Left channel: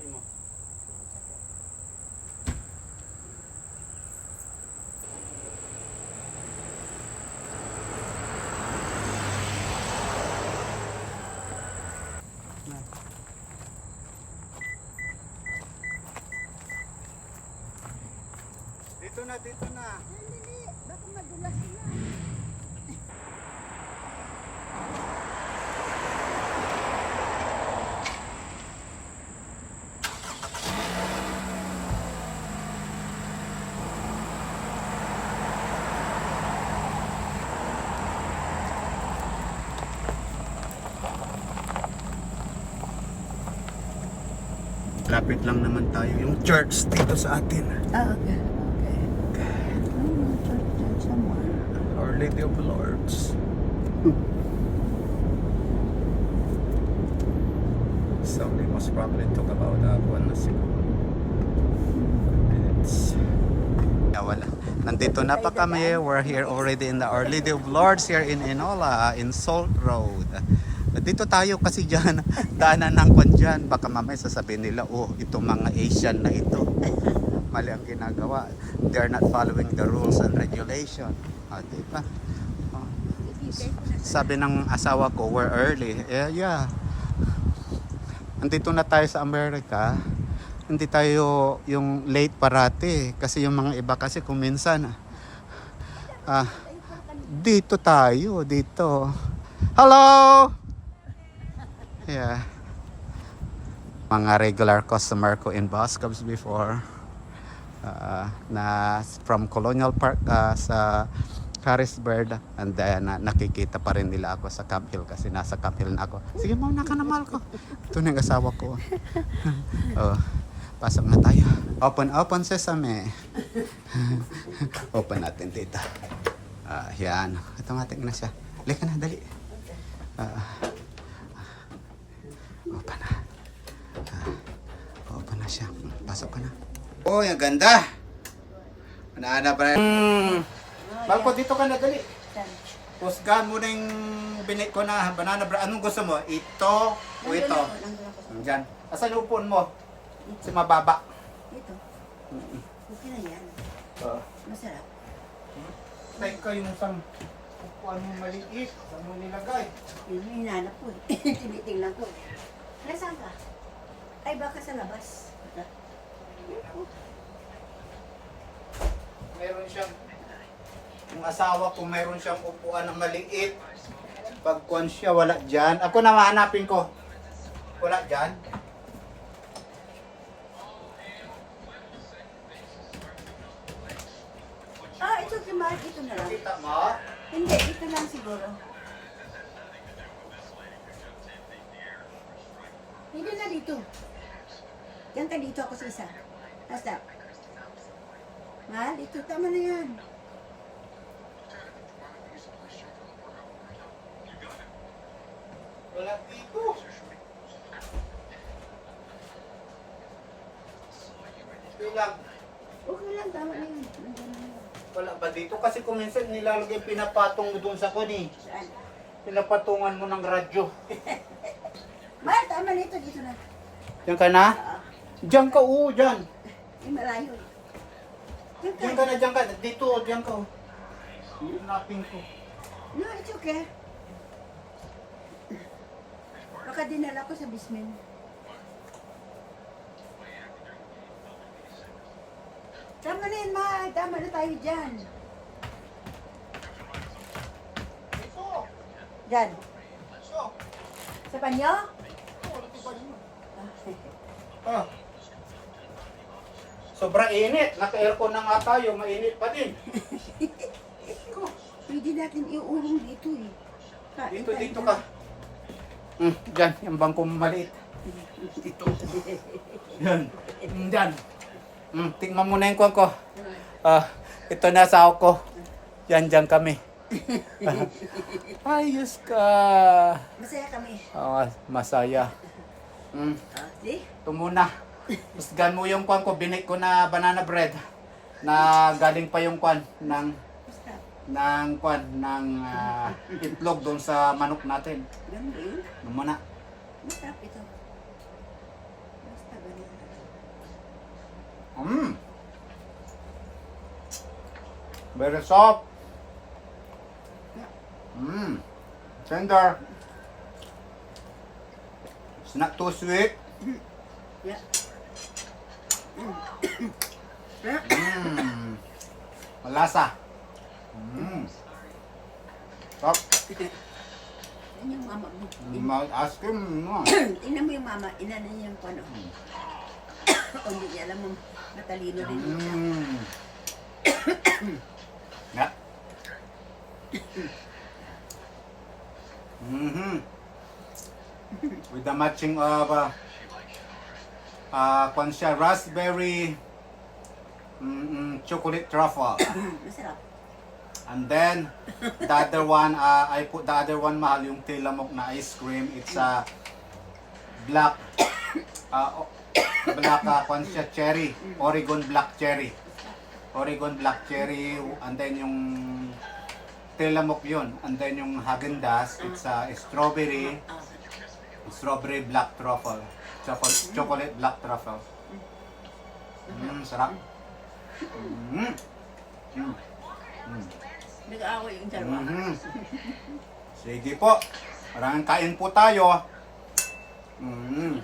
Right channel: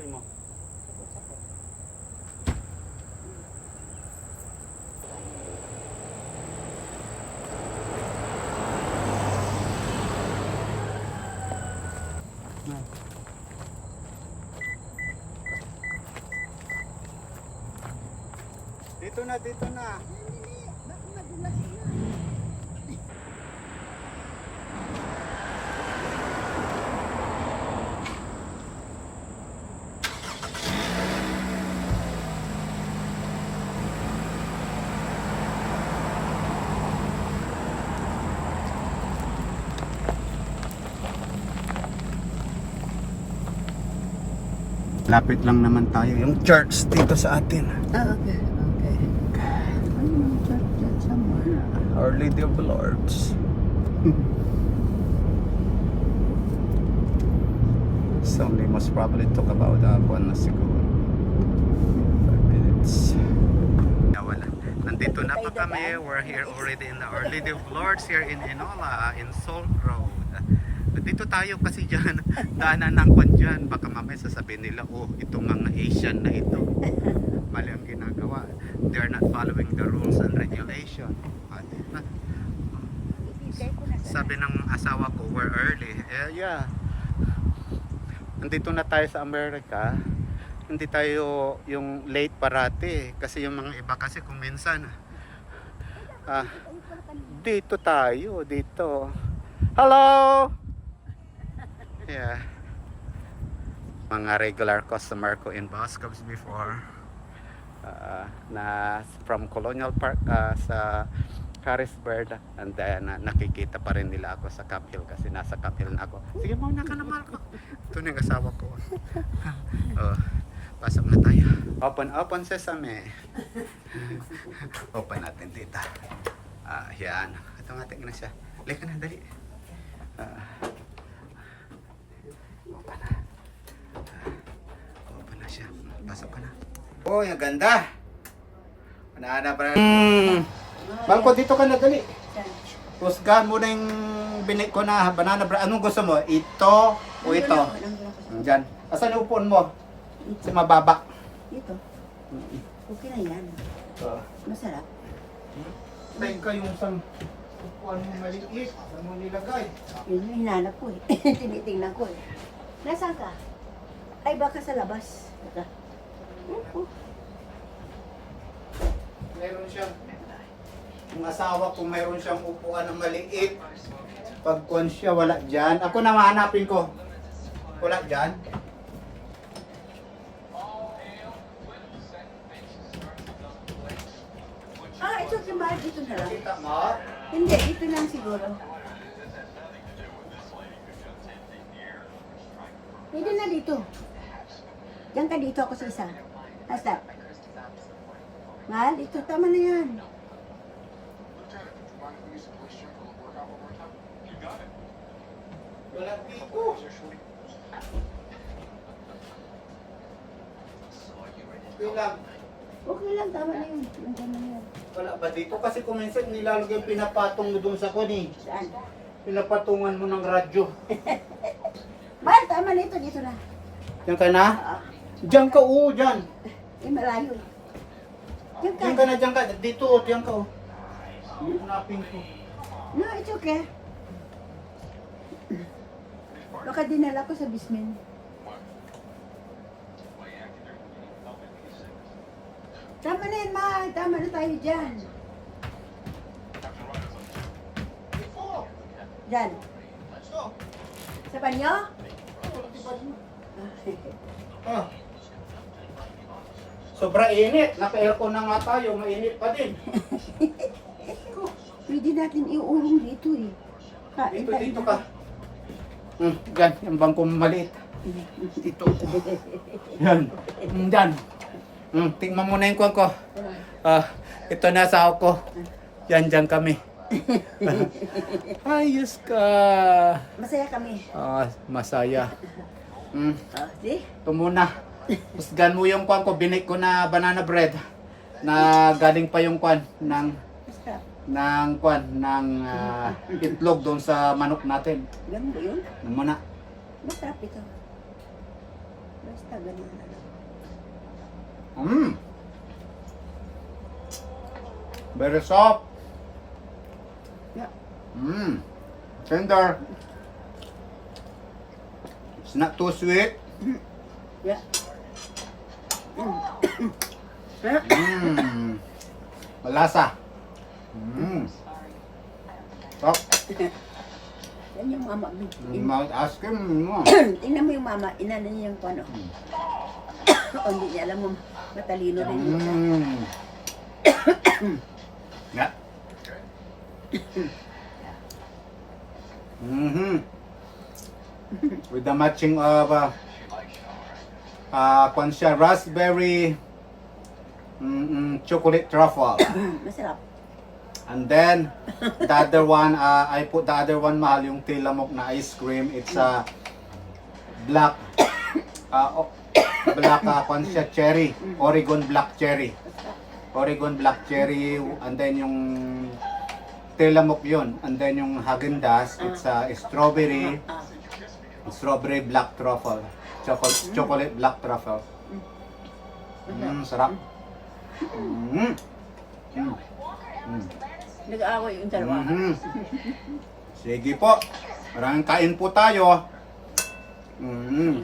Gusto mo? Sabot ako. Yan. Dito na, dito na. Lapit lang naman tayo yung church dito sa atin. Ah, okay. Okay. Church dyan somewhere. Our Lady of the Lords. Somebody must probably talk about one na siguro. 5 minutes. Wala. Nandito na pa kami. We're here already in the Our Lady of Lords here in Enola, in Salt Road. Dito tayo kasi dyan, daanan ng kwan dyan. Baka mamaya sasabihin nila, oh, itong mga Asian na ito. Mali ang ginagawa. They're not following the rules and regulation. Diba? Oh. Sabi ng asawa ko, we're early. Yeah. Nandito na tayo sa Amerika. Hindi tayo yung late parati. Kasi yung mga iba kasi kung minsan, dito tayo, dito. Hello! Yeah. Mga regular customer ko in Boscov's before. Na from Colonial Park sa Harrisburg, and then nakikita pa rin nila ako sa Camp Hill kasi nasa Camp Hill na ako. Sige mo, nakanamal ko. Ito na yung asawa ko. Oh, pasok na tayo. Open sesame. Open natin dito. Yan. Automatic na siya. Lika na, dali. Open na siya. Pasok ka na. Oh, yung ganda. Manahanap pa rin. Bangko, dito ka na, dali. Husgahan mo na yung binik ko na banana bread. Anong gusto mo? Ito o ito? Diyan. Asan yung upuan mo? Sa mababa. Dito. Okay na yan. Masarap. Tayo ka yung isang upuan mo maliit. Saan mo nilagay? Yun yung hinanap ko eh. Tinitingnan ko eh. Nasaan ka? Ay, baka sa labas. Baka. Meron siyang, yung asawa ko meron siyang upuan na maliit. Pagkuhan siya, wala dyan. Ako na mahanapin ko. Wala dyan. Ito si Mar, dito na lang. Kita mo? Hindi, dito lang siguro. Hindi na dito. Diyan ka dito ako sa isa. How's that? Mahal, dito. Tama na yan. Wala dito. Okay lang. Okay lang, tama na yan. Nandiyan na yan. Wala ba dito? Kasi kung minsan nilalagay pinapatong mo doon sa kuni. Saan? Pinapatungan mo ng radyo. Mahal, tama na ito. Dito na. Diyan ka na? Diyan ka, oo, diyan. Eh, malayo. Diyan ka. Diyan ka na, diyan ka. Dito, diyan ka, oh. Hanapin ko. No, it's okay. Baka dinala ko sa basement. Tama na yan, mahal. Tama na tayo dyan. Dyan. Sa banyo? Ah. Sobra init. Naka-aircon na nga tayo. Mainit pa din. Pwede natin iurong dito eh. Kain Dito, tayo dito dyan. ka. Diyan, yung bangko maliit. Dito. Yan. Diyan. Tingnan mo na yung kuwan ko. Ito na asawa ko. Yan, dyan kami. Ayos ka. Masaya kami. Masaya. See? Ito muna. Husgan mo yung kuwan ko. Binik ko na banana bread. Na galing pa yung kuwan ng Basta. ng itlog doon sa manok natin. Ganun ba yun? Ano muna? Masarap ito. Basta ganun na lang. Mmm. Very soft. Yeah. Mmm. Tender. It's not too sweet. Yeah. Mmm. Malasa. Mmm. Soft. Yan yung mama. Mouth ice cream. No. Tingnan mo yung mama, inano niya yung ano. O hindi niya alam mo, matalino rin yun siya. Mmm. Yeah. Mm-hmm. With the matching of kwan siya, raspberry chocolate truffle. Masarap. And then the other one, I put the other one, mahal, yung tilamok na ice cream. It's black black kwan siya, cherry, Oregon black cherry. Oregon black cherry, and then yung tilamok yun, and then yung Häagen-Dazs, it's strawberry black truffle, chocolate black truffle. Sarap. Nag-aaway yung dalawa. Sige po, maraming kain po tayo.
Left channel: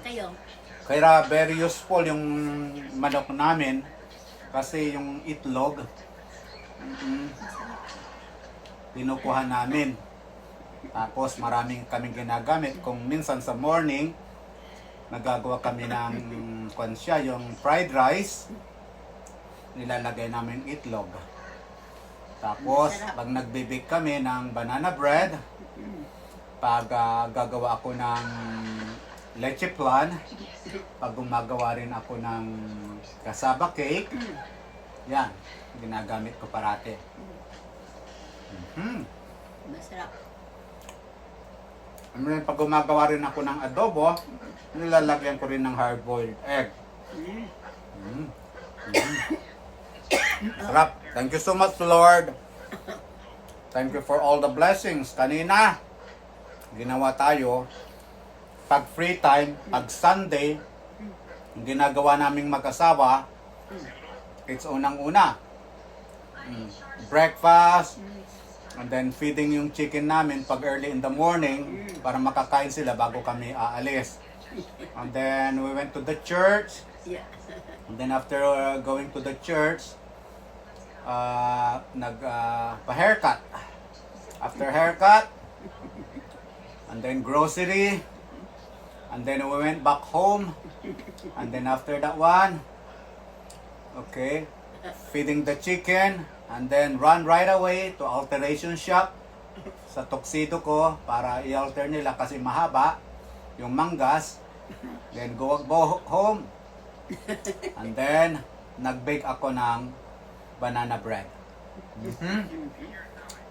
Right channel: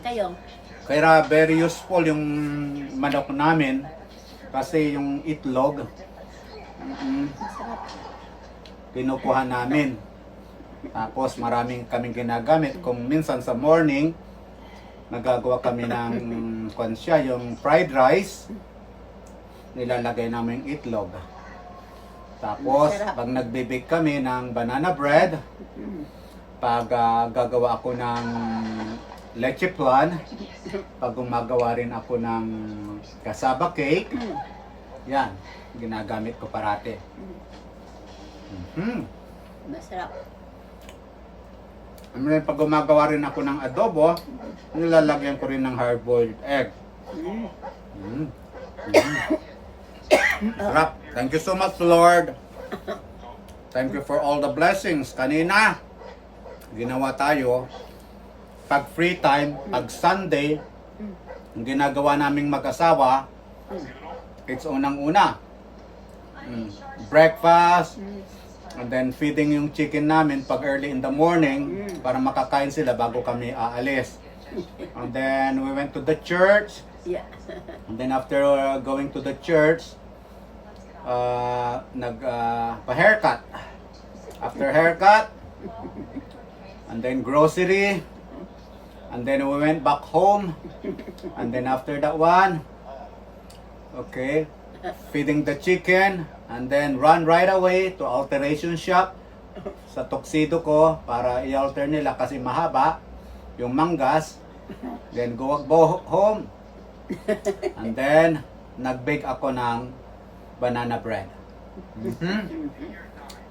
Kayo. Kaya very useful yung manok namin kasi yung itlog Masarap. kinukuha namin. Tapos maraming kaming ginagamit. Kung minsan sa morning, nagagawa kami ng konsya, yung fried rice, nilalagay namin itlog. Tapos, pag nagbe-bake kami ng banana bread, pag gagawa ako ng leche flan, pag gumagawa rin ako ng cassava cake, yan, ginagamit ko parate. Masarap. Pag gumagawa rin ako ng adobo, nilalagyan ko rin ng hard-boiled egg. Sarap. Thank you so much, Lord. Thank you for all the blessings. Kanina, ginawa tayo, pag free time, pag Sunday, ang ginagawa naming mag-asawa, it's unang-una. Breakfast, and then feeding yung chicken namin pag early in the morning para makakain sila bago kami aalis. And then we went to the church. Yeah. And then after going to the church, pa-haircut. After haircut, and then grocery, and then we went back home. And then after that one, okay, feeding the chicken, and then run right away to alteration shop sa tuxedo ko para i-alter nila kasi mahaba yung manggas. Then go home, and then nag-bake ako ng banana bread.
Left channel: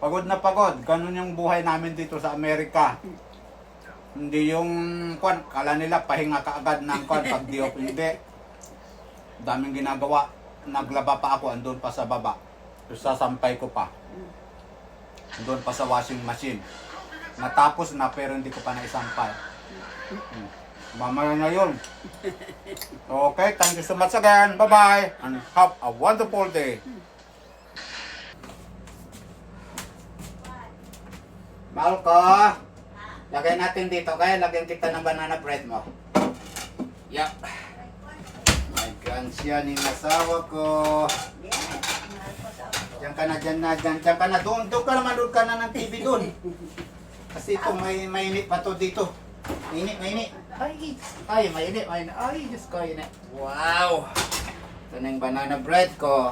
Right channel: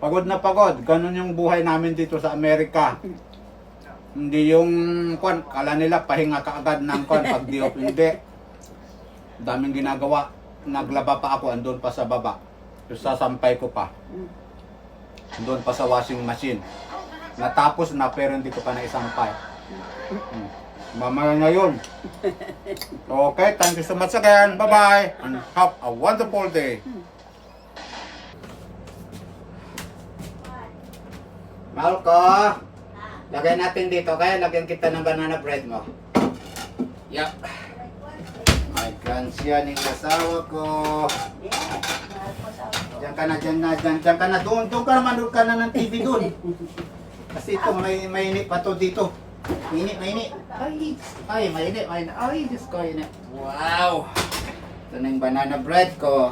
Pagod na pagod. Ganun yung buhay namin dito sa Amerika. Hindi yung kala nila pahinga kaagad ng pag di off, hindi. Daming ginagawa. Naglaba pa ako, andun pa sa baba. Sasampay ko pa. Andun pa sa washing machine. Natapos na pero hindi ko pa naisampay. Mamaya na yun. Okay, thank you so much again. Bye-bye. And have a wonderful day. Mahal ko. Lagay natin dito. Kaya lagyan kita ng banana bread mo. Yup. My gansya ng asawa ko. Diyan ka na, diyan ka na. Doon ka naman, doon ka na ng TV doon. Kasi ito, may init pa to dito. Mainit. Ay, mainit. Ay, Diyos ko, init. Wow! Ito na yung banana bread ko.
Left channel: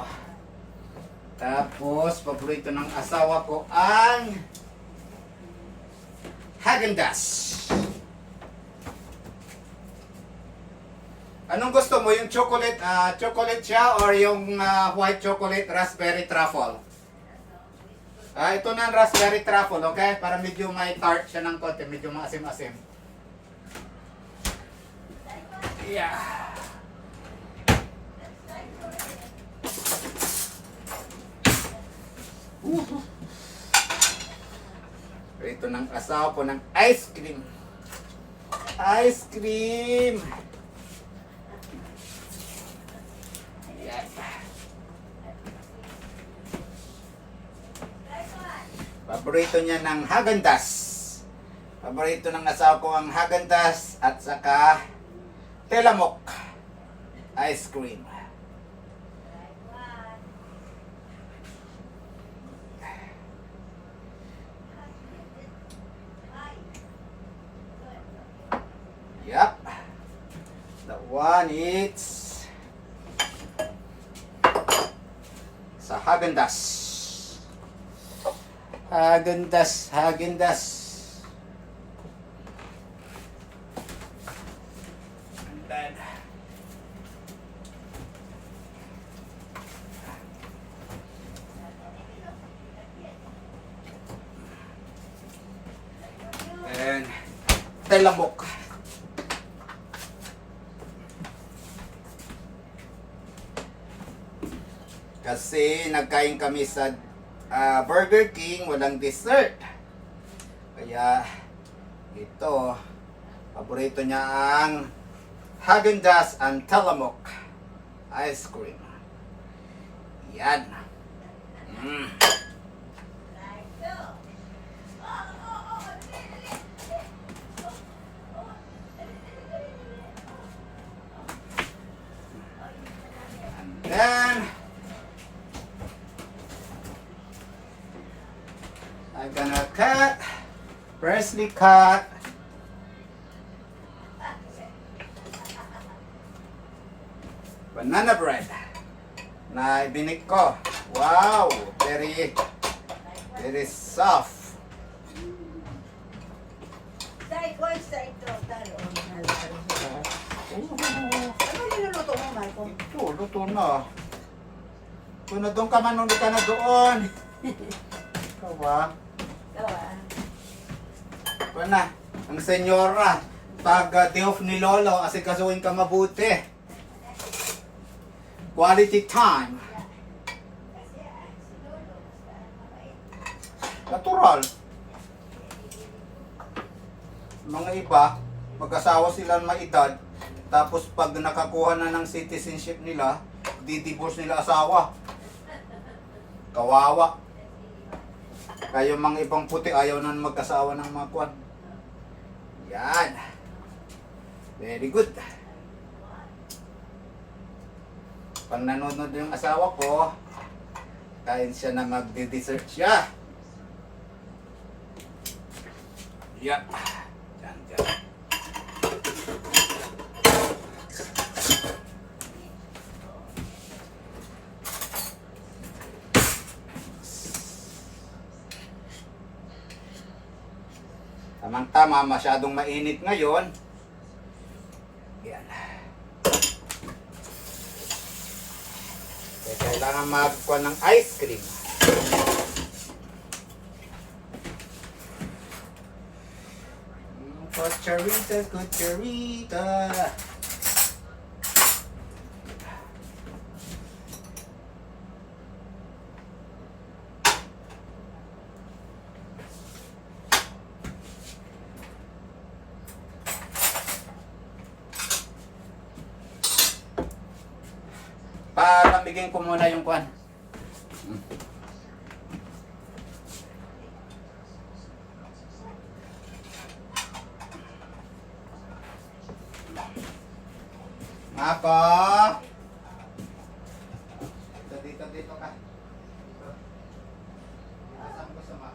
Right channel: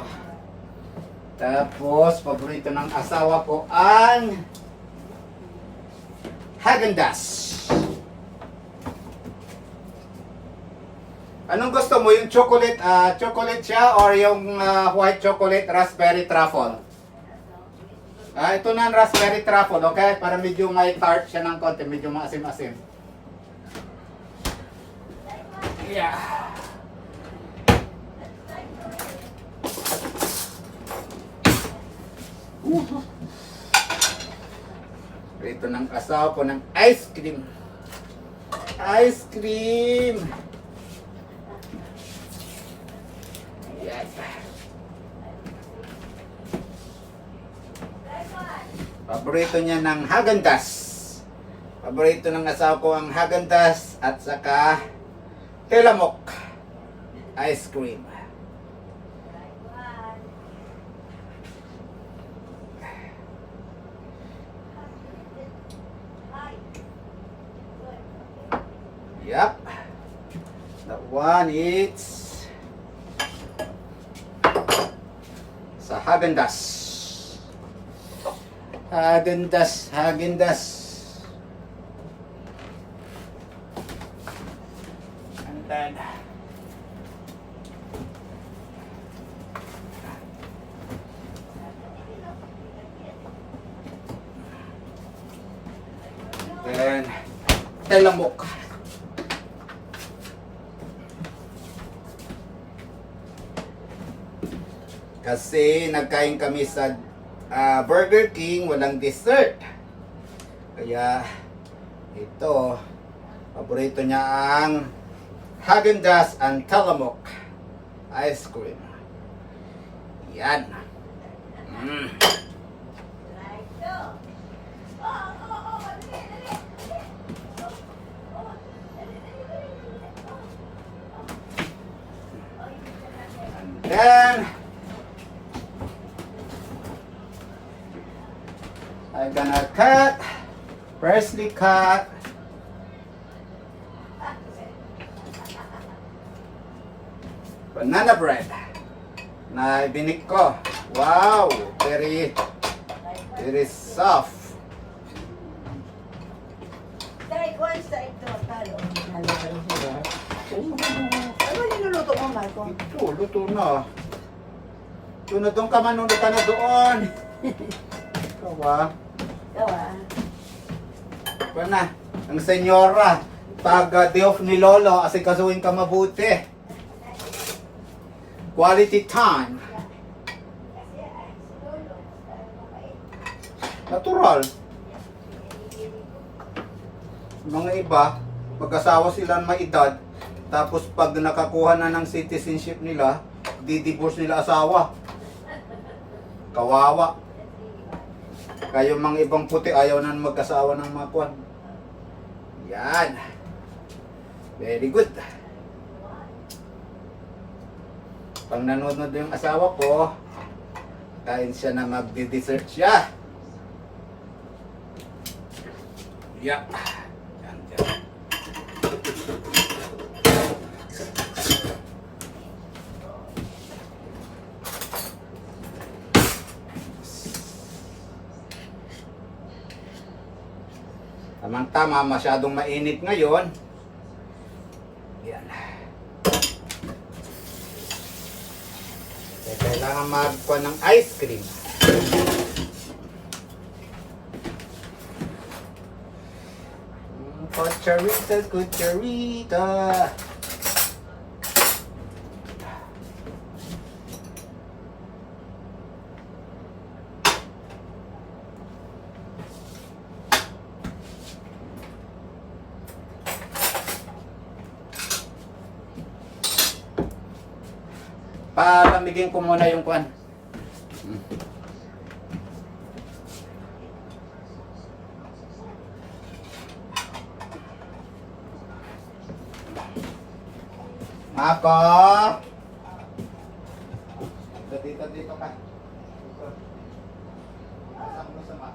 Tapos, paborito ng asawa ko ang Häagen-Dazs. Anong gusto mo? Yung chocolate siya or yung white chocolate raspberry truffle? Ito na ang raspberry truffle, okay? Para medyo may tart siya ng konti, medyo maasim-asim. Yeah. Ito ng asawa ko ng ice cream. Ice cream! Paborito niya ng Häagen-Dazs. Paborito ng asawa ko ang Häagen-Dazs at saka Tillamook ice cream. Yep. That one is sa Häagen-Dazs. Häagen-Dazs, Häagen-Dazs. And then Tillamook. Kasi nagkain kami sa Burger King, walang dessert. Kaya ito, paborito niya ang Häagen-Dazs and Tillamook ice cream. Yan. And then I'm gonna cut, freshly cut banana bread na ibinik ko. Wow, very soft. Ano niluluto mo, Michael? Ito, luto na. Ito na doon ka man, nung ka na doon. Ikaw ba? Ito na, ang senyora, pag day off ni Lolo, asikasuhin ka mabuti. Quality time. Natural. Mga iba, mag-asawa sila ng may edad, tapos pag nakakuha na ng citizenship nila, di-divorce nila asawa. Kawawa. Kaya mga ibang puti ayaw na mag-asawa ng mga kwan. Yan. Very good. Pag nanonood yung asawa ko, kain siya na magdi-dessert siya. Yeah. Yan, yan. Tamang-tama, masyadong mainit ngayon. Yan. Kaya kailangan magkuha ng ice cream. Cucharita, cucharita. Palamigin ko muna yung kwan. Ako. Dito ka. Dito. Asan mo sa ma?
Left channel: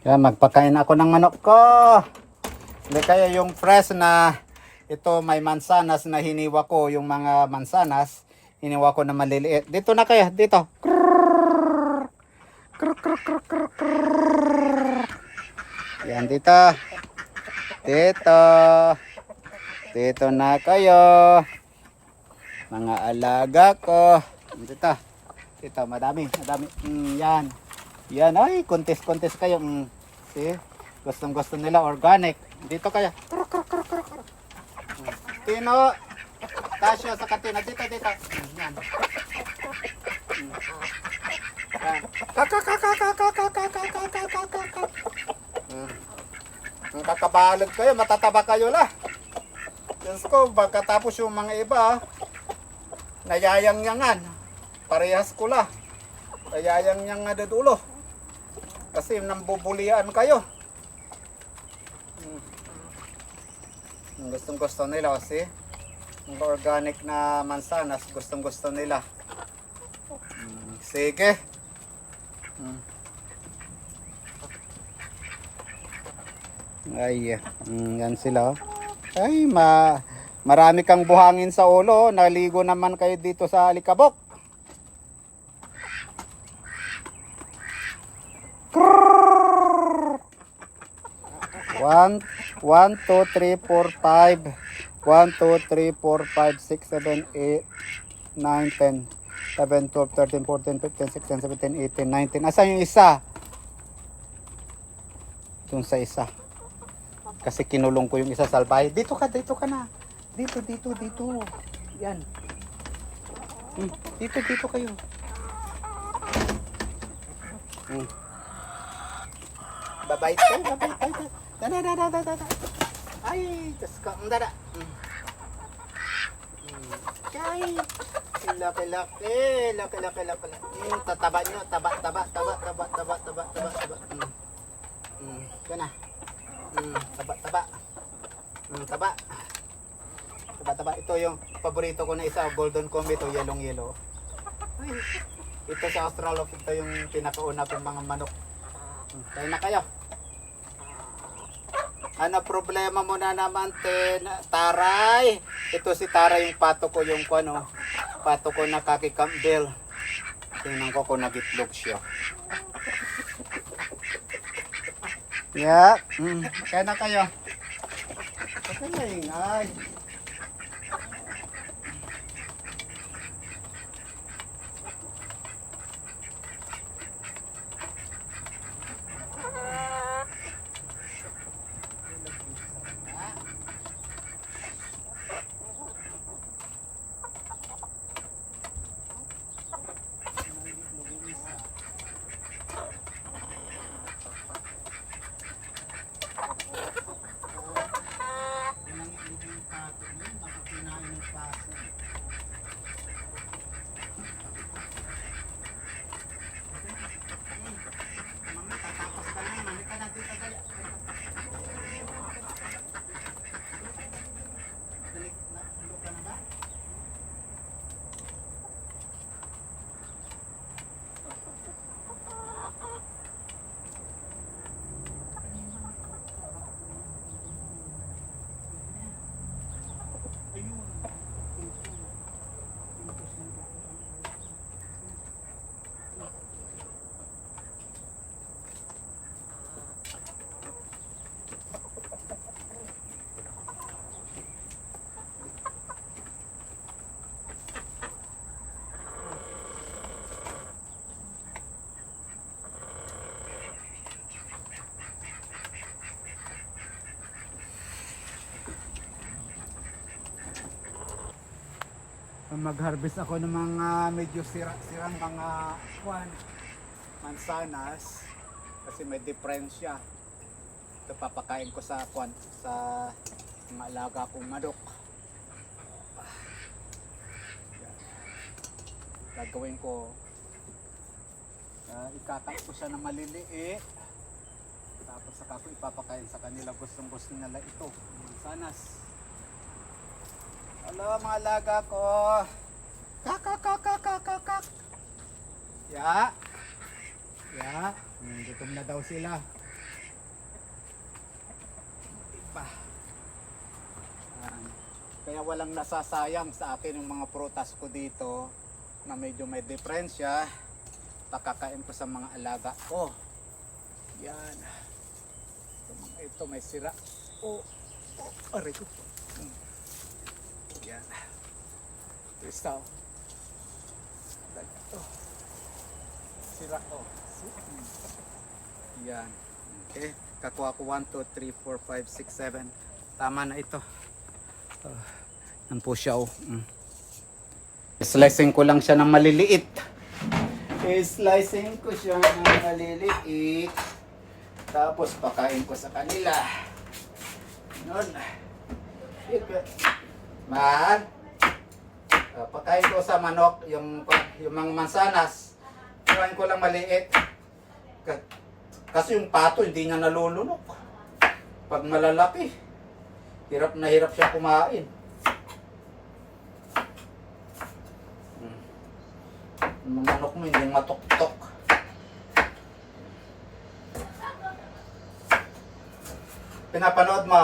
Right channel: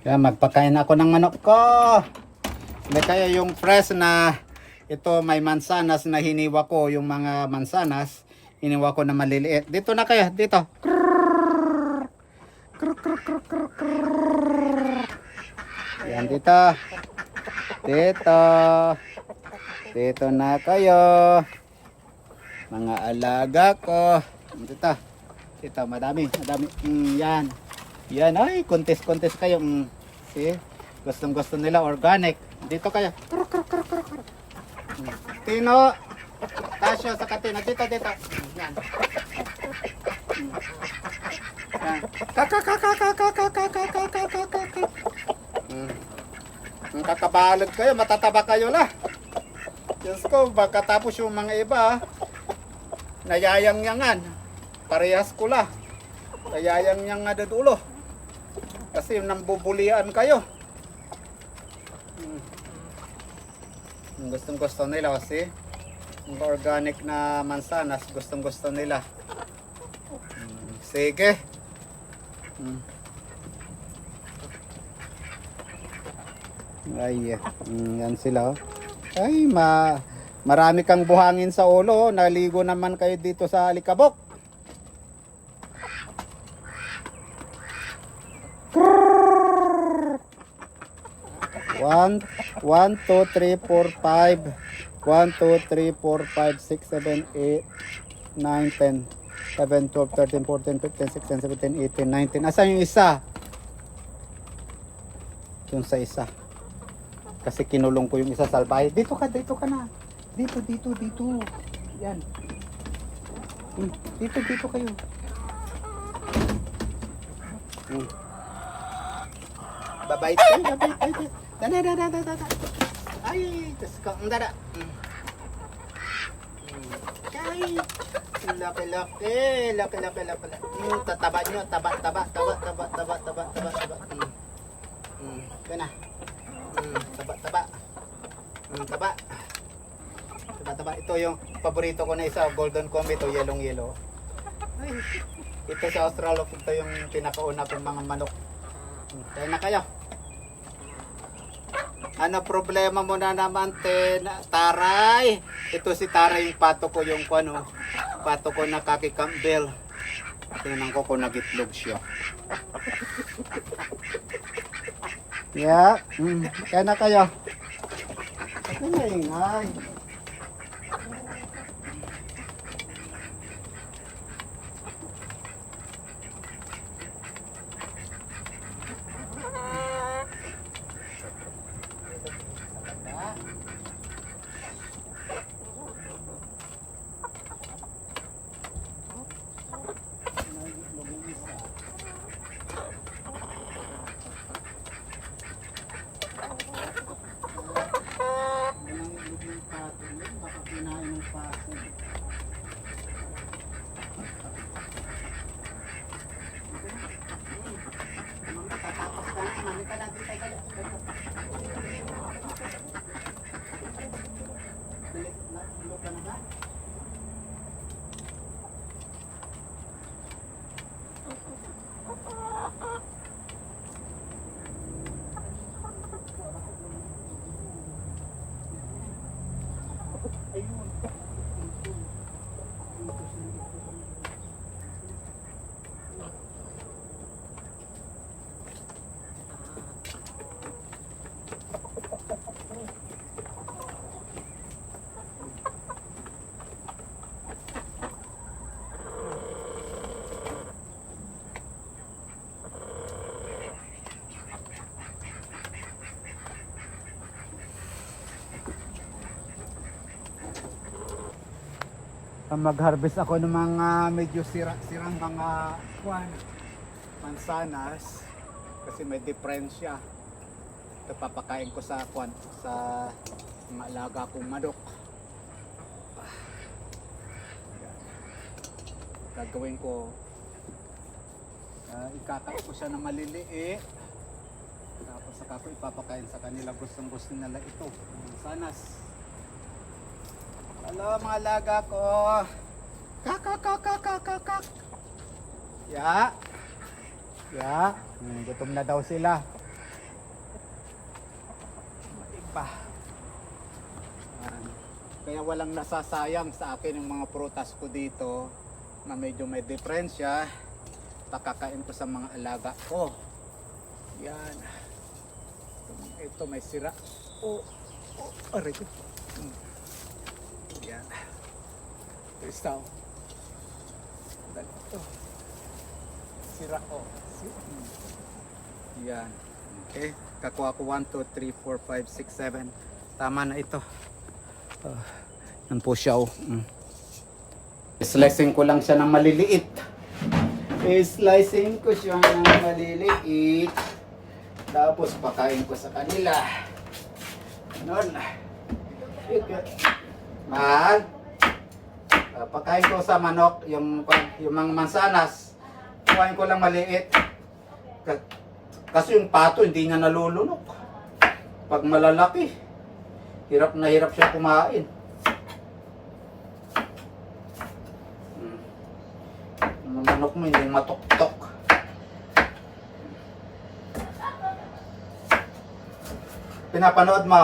Kaya magpakain ako ng manok ko. Hindi kaya yung fresh na ito may mansanas na hiniwa ko, yung mga mansanas hiniwa ko na maliliit. Dito na kayo, dito. Yan dito. Dito. Dito na kayo. Mga alaga ko. Dito. Dito, madami. Yan. Yan, ay, kontes kayo. See? Gustong-gusto nila organic. Dito kayo. Tino. Tasyo sa katina. Dito. Yan. Ang kakabalod kayo, matataba kayo la. Diyos ko, pagkatapos yung mga iba, nayayang-yangan. Parehas ko la. Nayayang-yang nga dulo. Kasi nambubulian kayo. Gustong gusto nila kasi yung organic na mansanas, gustong gusto nila. Sige. Ay, yan sila. Ay, marami kang buhangin sa ulo. Naligo naman kayo dito sa Alikabok. One, 2, 3, 4, 5. 1, 2, 3, 4, 5, 6, 7, 8, 9, 10, 11, 12, 13, 14, 15, 16, 17, 18, 19. Asan yung isa? Yung sa isa. Kasi kinulong ko yung isa sa salbahe. Dito ka na. Dito. Yan. Dito kayo. Babait kayo. Dada. Ay, tas ka, dada. Ay, laki. Tataba nyo, taba. Yan na. Taba. Ito yung paborito ko na isa, golden comet o yellow. Ay, ito sa Australia, ito yung pinakauna kong mga manok. Tayo na kayo. Ano problema mo na naman, Taray? Ito si Taray, yung pato ko na Kaki Campbell. Tingnan ko kung nagitlog siya. Yeah, kaya na kayo. Ito na ingay. Mag-harvest ako ng mga medyo sirang mga mansanas kasi may diferensya. Ito papakain ko sa sa mga alaga kong manok. Yan. Gagawin ko, ikakain ko siya ng maliliit, tapos saka ko ipapakain sa kanila. Gustong gusto nila ito, mansanas. Hello mga alaga ko. Kak. Ya. Gutom na daw sila. Iba. Kaya walang nasasayang sa akin yung mga prutas ko dito na medyo may diferensya. Pakakain ko sa mga alaga ko. Yan. Ito may sira. Aray ko. Yan. Ito. Ito. Sira Yan. Okay. Kakuha ko 1, 2, 3, 4, 5, 6, 7. Tama na ito. Yan po siya. Slicing ko lang siya ng maliliit. Slicing ko siya ng maliliit. Tapos pakain ko sa kanila. Noon. Mahal. Pagkain ko sa manok, yung mga mansanas, kuhain ko lang maliit. Kasi yung pato, hindi niya nalulunok. Pag malalaki, hirap na hirap siya kumain. Yung manok mo, hindi matok-tok. Pinapanood mo?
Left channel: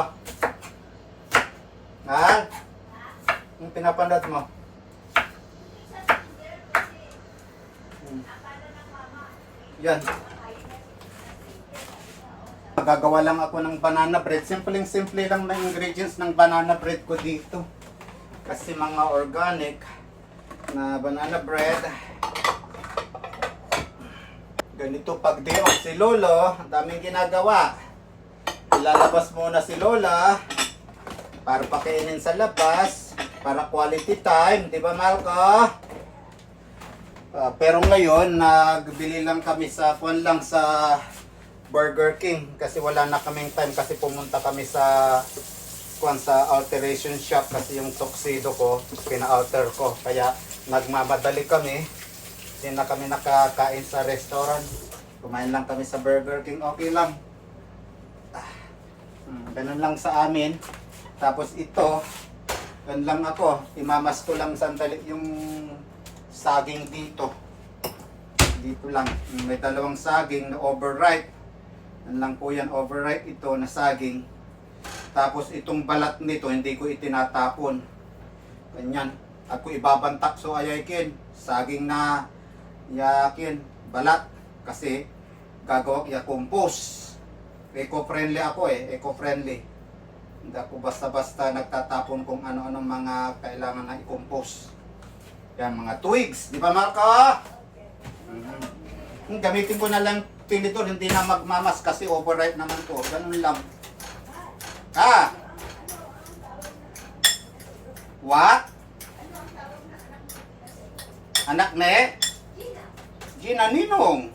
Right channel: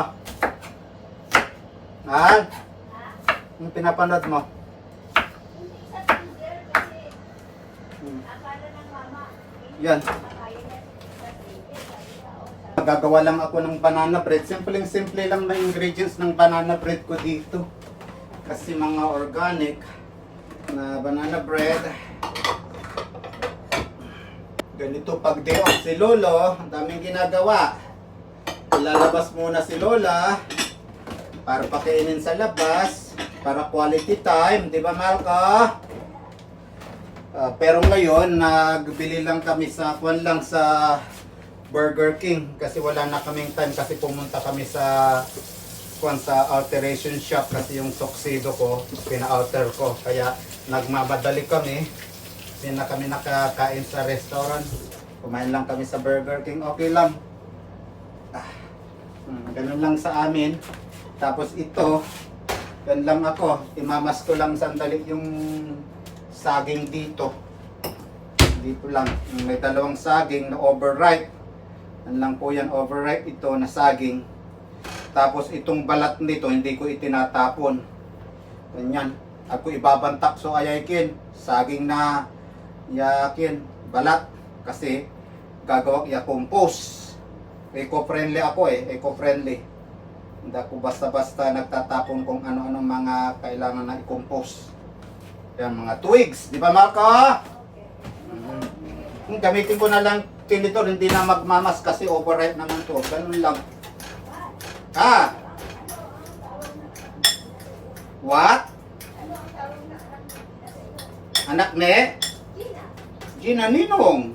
Mahal? Yung pinapanood mo? Yan. Gagawa lang ako ng banana bread. Simple lang na ingredients ng banana bread ko dito. Kasi mga organic na banana bread. Ganito pag day off si Lolo, ang daming ginagawa. Ilalabas muna si Lola para pakainin sa labas, para quality time, di ba Marco? Pero ngayon, nagbili lang kami sa Burger King kasi wala na kaming time kasi pumunta kami sa alteration shop kasi yung tuxedo ko, pina-outer ko. Kaya nagmamadali kami. Hindi na kami nakakain sa restaurant. Kumain lang kami sa Burger King. Okay lang. Ganun lang sa amin. Tapos ito, ganun lang ako. Imamas ko lang sandali yung saging dito. Dito lang. May dalawang saging na overripe. Yan lang po yan, overripe ito na saging. Tapos itong balat nito, hindi ko itinatapon. Ganyan. Ako ibabantak so ayakin. Saging na yakin. Balat. Kasi gagawa iya compose. Eco-friendly ako eco-friendly. Hindi ako basta-basta nagtatapon kung ano-anong mga kailangan na i-compose. Yan, mga twigs. Di ba, Marco? Gamitin ko na lang tinidor, hindi na magmamas kasi overripe naman to. Ganun lang. What? Anak ne? Gina Ninong.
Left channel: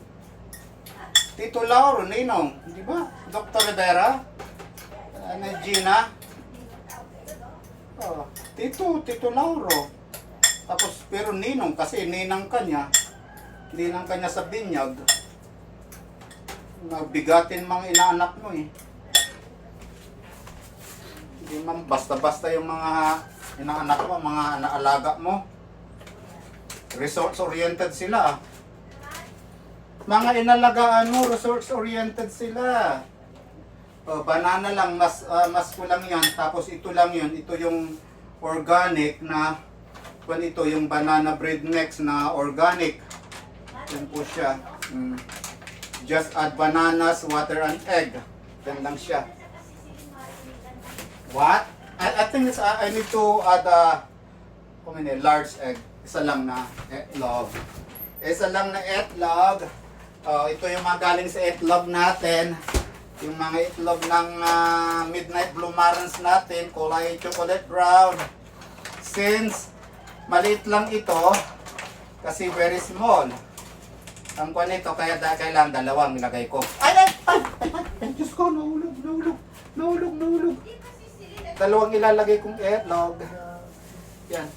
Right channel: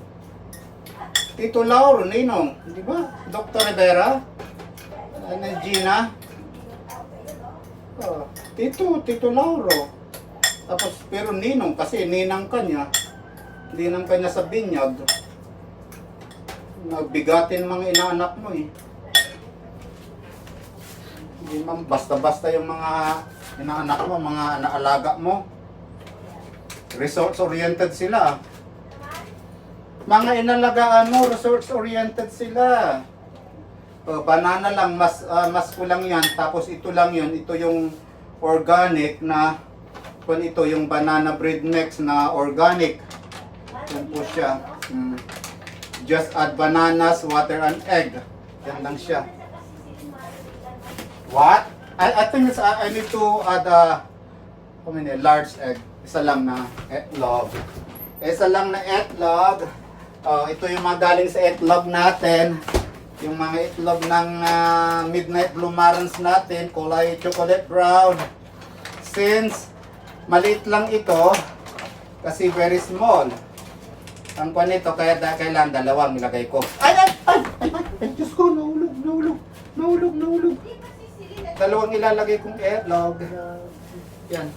Tito Lauro, Ninong, di ba? Dr. Rivera, Gina. Tito Lauro. Tapos, pero Ninong, kasi ninang kanya. Ninang kanya sa binyag. Nagbigatin mga inaanak mo eh. Hindi man, basta-basta yung mga inaanak mo, mga naalaga mo. Resource-oriented sila. Mga inalagaan mo, resource-oriented sila. Banana lang, mas kulang yan. Tapos ito lang yun. Ito yung organic na, kung ito yung banana bread mix na organic. Yan po siya. Just add bananas, water, and egg. Yan lang siya. What? I think I need to add how many? Large egg. Isa lang na etlog. Isa lang na etlog. Ito yung mga galing sa itlog natin. Yung mga itlog ng midnight blue marans natin, kulay chocolate brown. Since maliit lang ito, kasi very small. Ang kwan nito, kaya kailangan dalawang nilagay ko. Ay, Diyos ko, nahulog. Dalawang ilalagay kong itlog. Yan.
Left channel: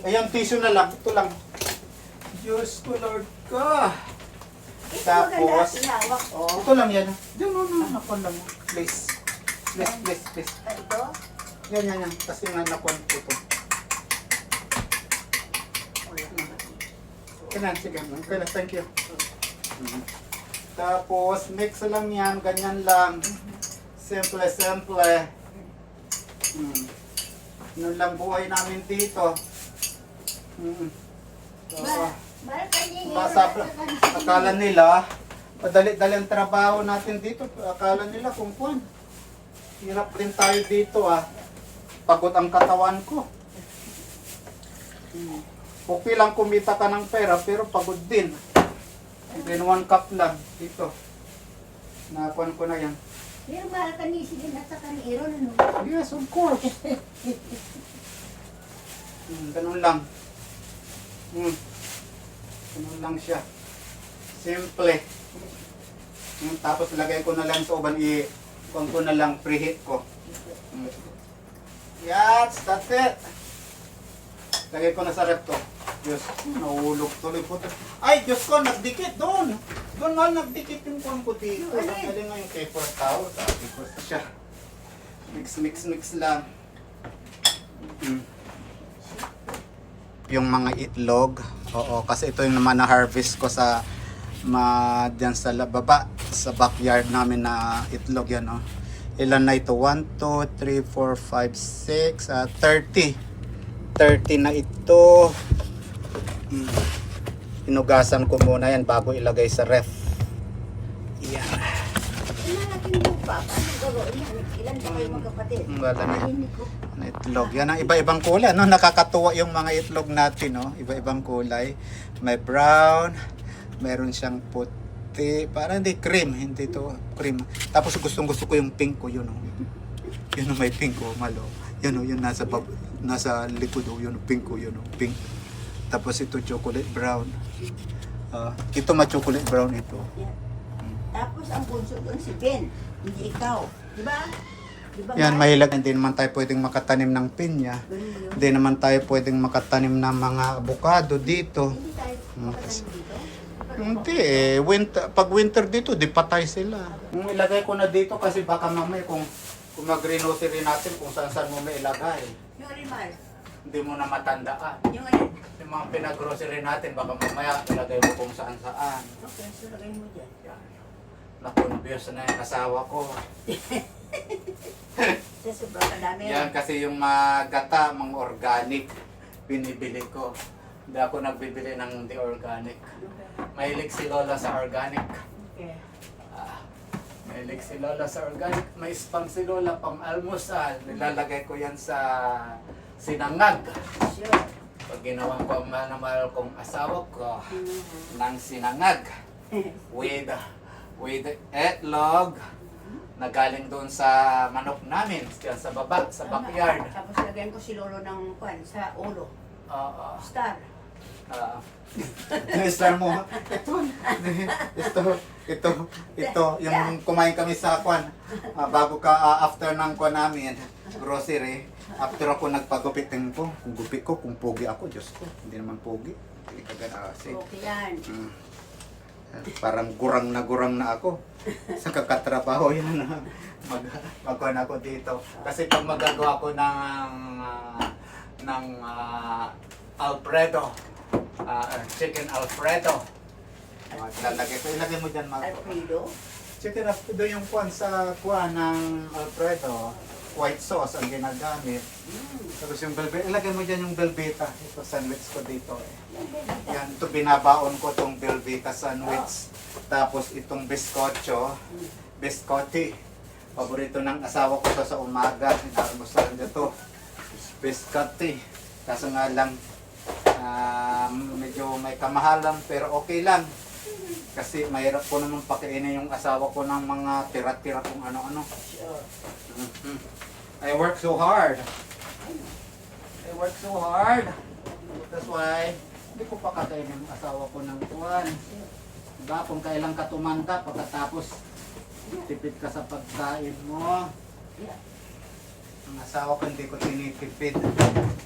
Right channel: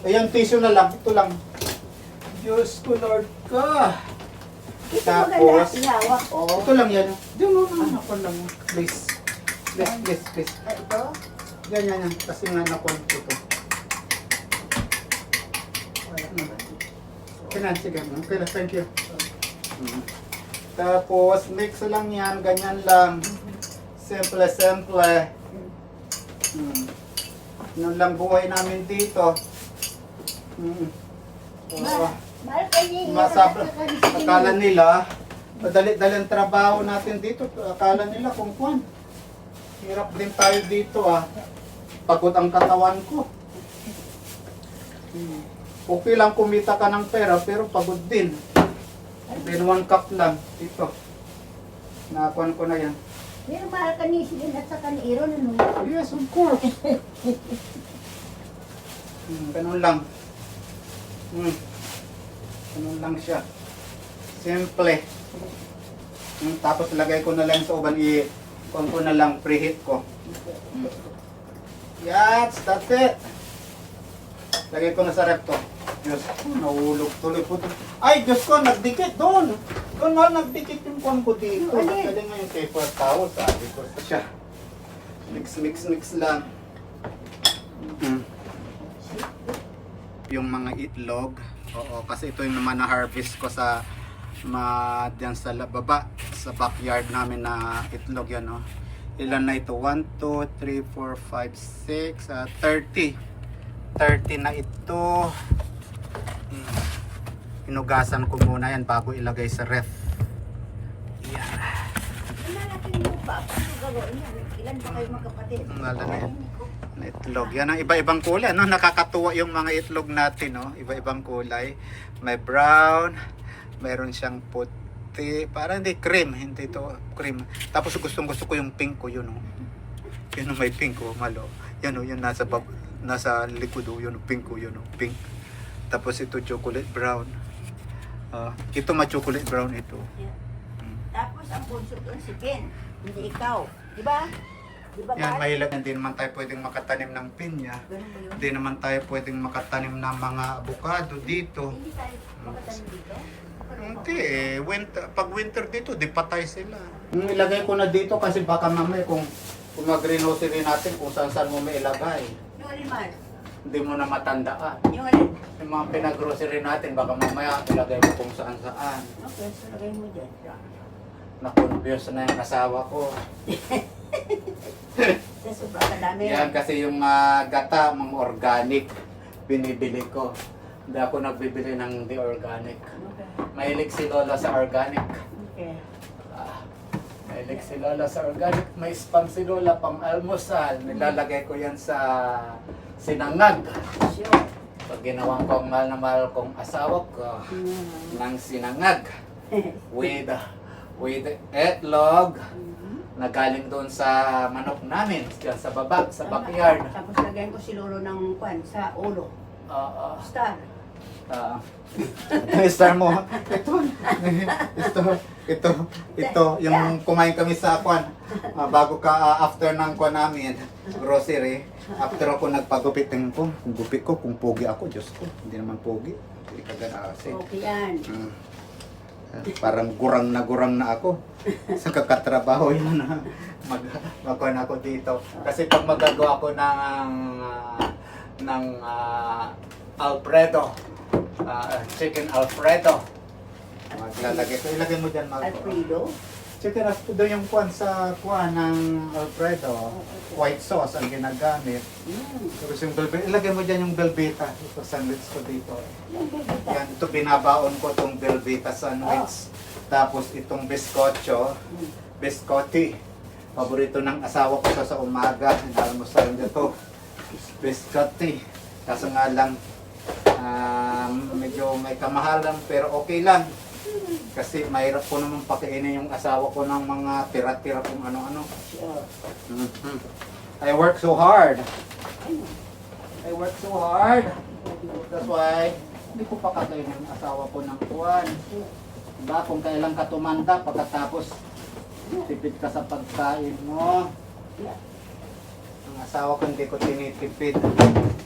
Ayan, tissue na lang. Ito lang. Diyos ko, Lord ka. Tapos, ito lang yan. Ako lang. Please. Ito? Yan. Kasi nga nakon ito. Sige. Okay na, thank you. Tapos, mix lang yan. Ganyan lang. Simple. Yun lang buhay namin dito. Akala nila, madali-dali ang trabaho natin dito. Akala nila kung kuwan. Hirap din tayo dito Pagod ang katawan ko. Okay lang kumita ka ng pera pero pagod din. Then 1 cup lang dito. Nakuan ko na yan. Pero para kanisilin at sa kaniron, ano? Yes, of course. Ganun lang. Ganun lang siya. Simple. Tapos lagay ko na lang sa uban. Kung ko na lang preheat ko. Yes, that's it. Lagay ko na sa rep to. Diyos ko, nahulog tuloy po. Ay, Diyos ko, nagdikit doon. Doon nga, nagdikit yung pang ko dito. Kaya nga yung paper towel, sabi ko siya. Mix lang. Yung mga itlog, oo, kasi ito yung naman na-harvest ko sa dyan sa baba, sa backyard namin na itlog yan, no? Ilan na ito? 1, 2, 3, 4, 5, 6, 30. 30 na ito. Inugasan ko muna yan bago ilagay sa ref. Yan. Malaking lupa. Paano gagawin yan? Ilan ba kayo magkapatid? Wala na itlog. Yan ang iba-ibang kulay, no? Nakakatuwa yung mga itlog natin, no? Iba-ibang kulay. May brown, meron siyang puti, parang hindi cream, hindi to cream. Tapos gustong-gusto ko yung pink ko, yun, no? Yun, may pink ko, malo. Yun, no? Yun nasa likod, oh, yun, pink ko, yun, no? Pink. Tapos ito chocolate brown. Ito ma-chocolate brown ito. Yeah. Tapos ang bunso doon si Ben, hindi ikaw. Diba? Diba Yan, ba? mahilag. Hindi naman tayo pwedeng makatanim ng pinya. Hindi naman tayo pwedeng makatanim ng mga avocado dito. Hindi tayo makatanim dito? Hindi eh. Pag winter dito, di patay sila. Ilagay ko na dito kasi baka mamaya kung mag-renocery natin kung saan mo may ilagay. Yung animal. Hindi mo na matandaan. Yung animal. Yung mga pinag-grocery natin, baka mamaya ilagay mo kung saan-saan. Okay, so lagay mo dyan. Na-confuse na yung asawa ko. Sa sobrang dami. Yan kasi yung gata, mga organic, binibili ko. Hindi ako nagbibili ng di organic. Mahilig si Lola sa organic. Okay. Mahilig si Lola sa organic. May spam si Lola pang almusal. Nilalagay ko yan sa sinangag. Sure. Pag ginawa ko ang mahal na mahal kong asawa ko ng sinangag with etlog na galing doon sa manok namin dyan sa baba, sa backyard. Tapos lagyan ko si Lolo ng kwan sa ulo. Star. Star mo. Ito, yung kumain kami sa kwan. Bago ka, after ng kwan namin, grocery, after ako nagpagupit ko, kung gupit ko, kung pogi ako, Diyos ko, hindi naman pogi. Hindi ka ganasin. Okay yan. Parang gurang na ako sa kakatrabaho yan. Magkuhan ako dito. Kasi pag magagawa ko ng Alfredo, chicken Alfredo, ilagay mo dyan Alfredo. chicken Alfredo yung kuhan sa kuhan ng Alfredo, white sauce ang ginagamit. Tapos yung velvet, ilagay mo dyan yung velveta. Ito sandwich ko dito. Yan, ito binabaon ko itong velveta sandwich. Tapos itong biscotti. Paborito ng asawa ko to sa umaga. Inalmosan dito. Biscotti. Kaso nga lang, medyo may kamahalan pero okay lang. Kasi mahirap ko naman pakainin yung asawa ko ng mga tira-tira kung ano-ano. I work so hard. That's why hindi ko pa kakainin yung asawa ko ng tuwan. Diba? Kung kailan ka tumanda pagkatapos tipid ka sa pagkain mo. Ang asawa ko hindi ko tinitipid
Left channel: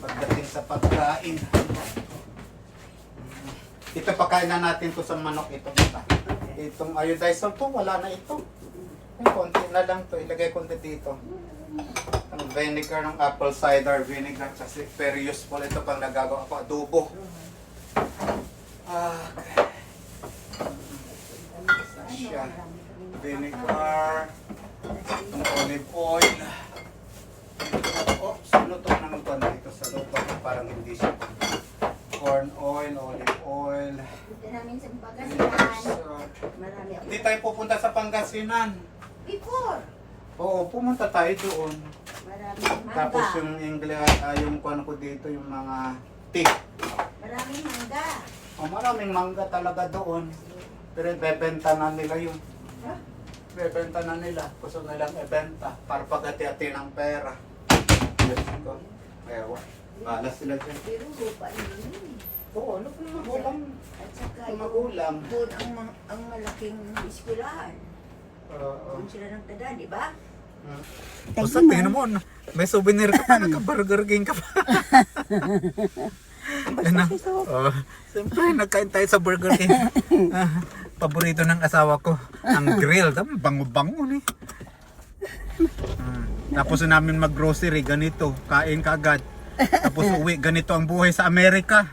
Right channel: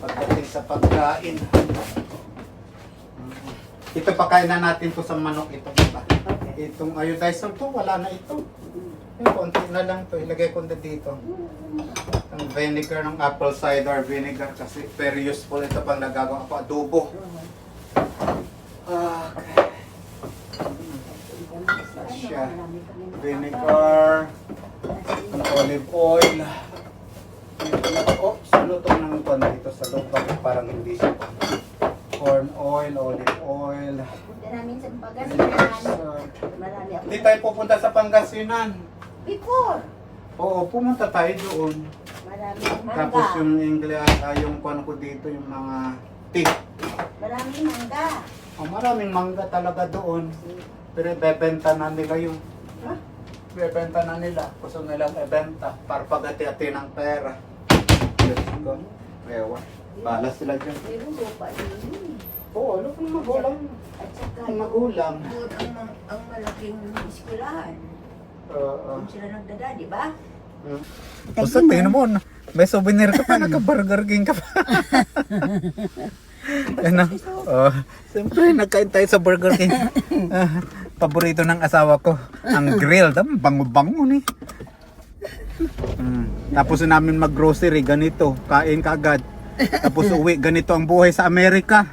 pagdating sa pagkain. Ito pakain na natin to sa manok ito. Diba? Itong iodized salt to, wala na ito. Yung konti na lang to, ilagay ko na dito. Ang vinegar ng apple cider vinegar kasi very useful ito pang nagagawa ko adobo. Okay. Siya. Vinegar, olive oil. Oh, salutong ng ito na ito sa loob parang hindi siya. Corn oil, olive oil. Punta namin sa Vinegar Pangasinan. salt. Marami ako. Hindi tayo pupunta sa Pangasinan. Before. Oo, pumunta tayo doon. Marami mangga. Tapos yung English, yung kuano ko dito, yung mga tea. Maraming mangga. Oh, maraming mangga talaga doon. Pero bebenta na nila yun. Huh? Bebenta na nila. Gusto nilang ibenta para pagati-ati ng pera. Diyos ko. Ewa. Bahala sila dyan. Pero lupa yun. Oo, ano kung magulang? At saka Kung magulang. doon ang malaking eskwelahan. Kung sila nagdada, di ba? O sa tingin mo, may souvenir ka pa, nagka-Burger King ka pa. Ano? Oh, siyempre, nagkain tayo sa Burger King. Paborito ng asawa ko, ang grill. Bango-bango ni. Tapos namin mag-grocery, ganito, kain kagad. Tapos uwi, ganito ang buhay sa Amerika.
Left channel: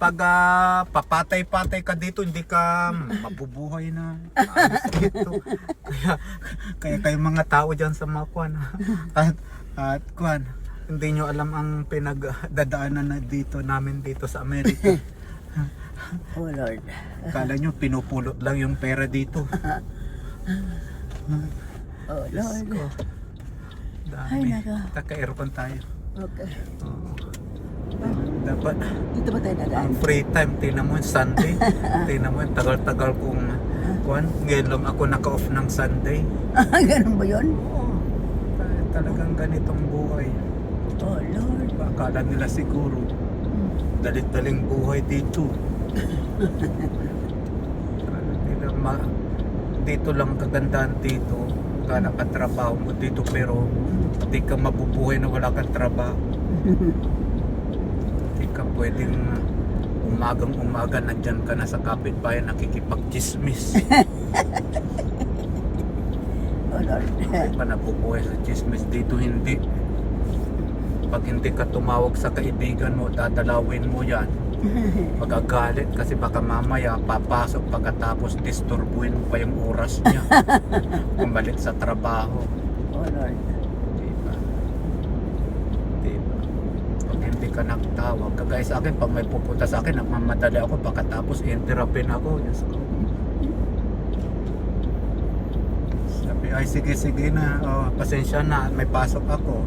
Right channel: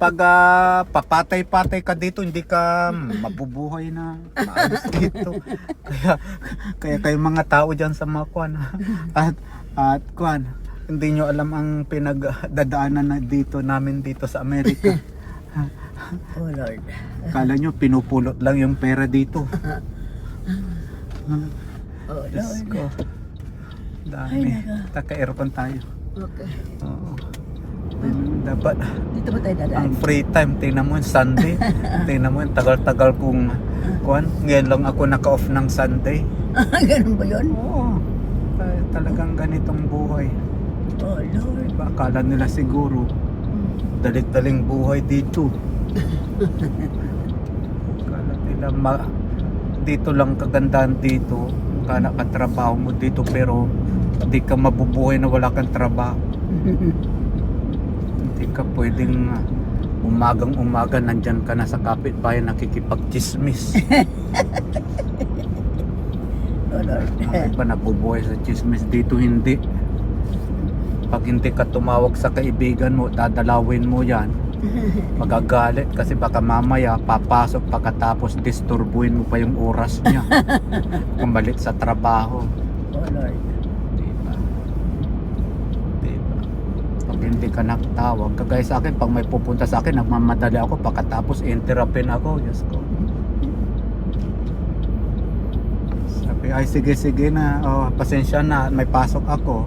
Pag papatay-patay ka dito, hindi ka mabubuhay na. Maalis dito. Kaya kayo mga tao dyan sa mga kwan. At kwan, hindi nyo alam ang pinagdadaanan na dito namin dito sa Amerika. Oh Lord. Kala nyo, pinupulot lang yung pera dito. Oh Diyos Lord. ko. Ay, Dami. nako. Taka-aircon tayo. Okay. Oo. Dapat Dito ba tayo dadaan? ang free time, tingnan mo yung Sunday. Tingnan mo yung tagal-tagal kong kuan. Ngayon lang ako naka-off ng Sunday. Ganun ba yun? Oo. Talagang ganitong buhay. Oh Lord. Akala nila siguro dalit-daling buhay dito. Akala nila dito lang kagandahan dito. Akala ka trabaho mo dito pero hindi ka mabubuhay na wala kang trabaho. Hindi ka pwedeng umagang-umaga nandyan ka na sa kapitbahay nakikipag-chismis. Oh Lord. Ako pa nabubuhay sa chismis dito, hindi. Pag hindi ka tumawag sa kaibigan mo, dadalawin mo yan. Magagalit kasi baka mamaya papasok pagkatapos disturbuin mo pa yung oras niya. Kumalik sa trabaho. Oh Lord. Diba? Diba? Pag hindi ka nagtawag, kagaya sa akin, pag may pupunta sa akin, nagmamadali ako pagkatapos interrupin ako. Diyos ko. Sabi, ay sige na, oh, pasensya na, may pasok ako.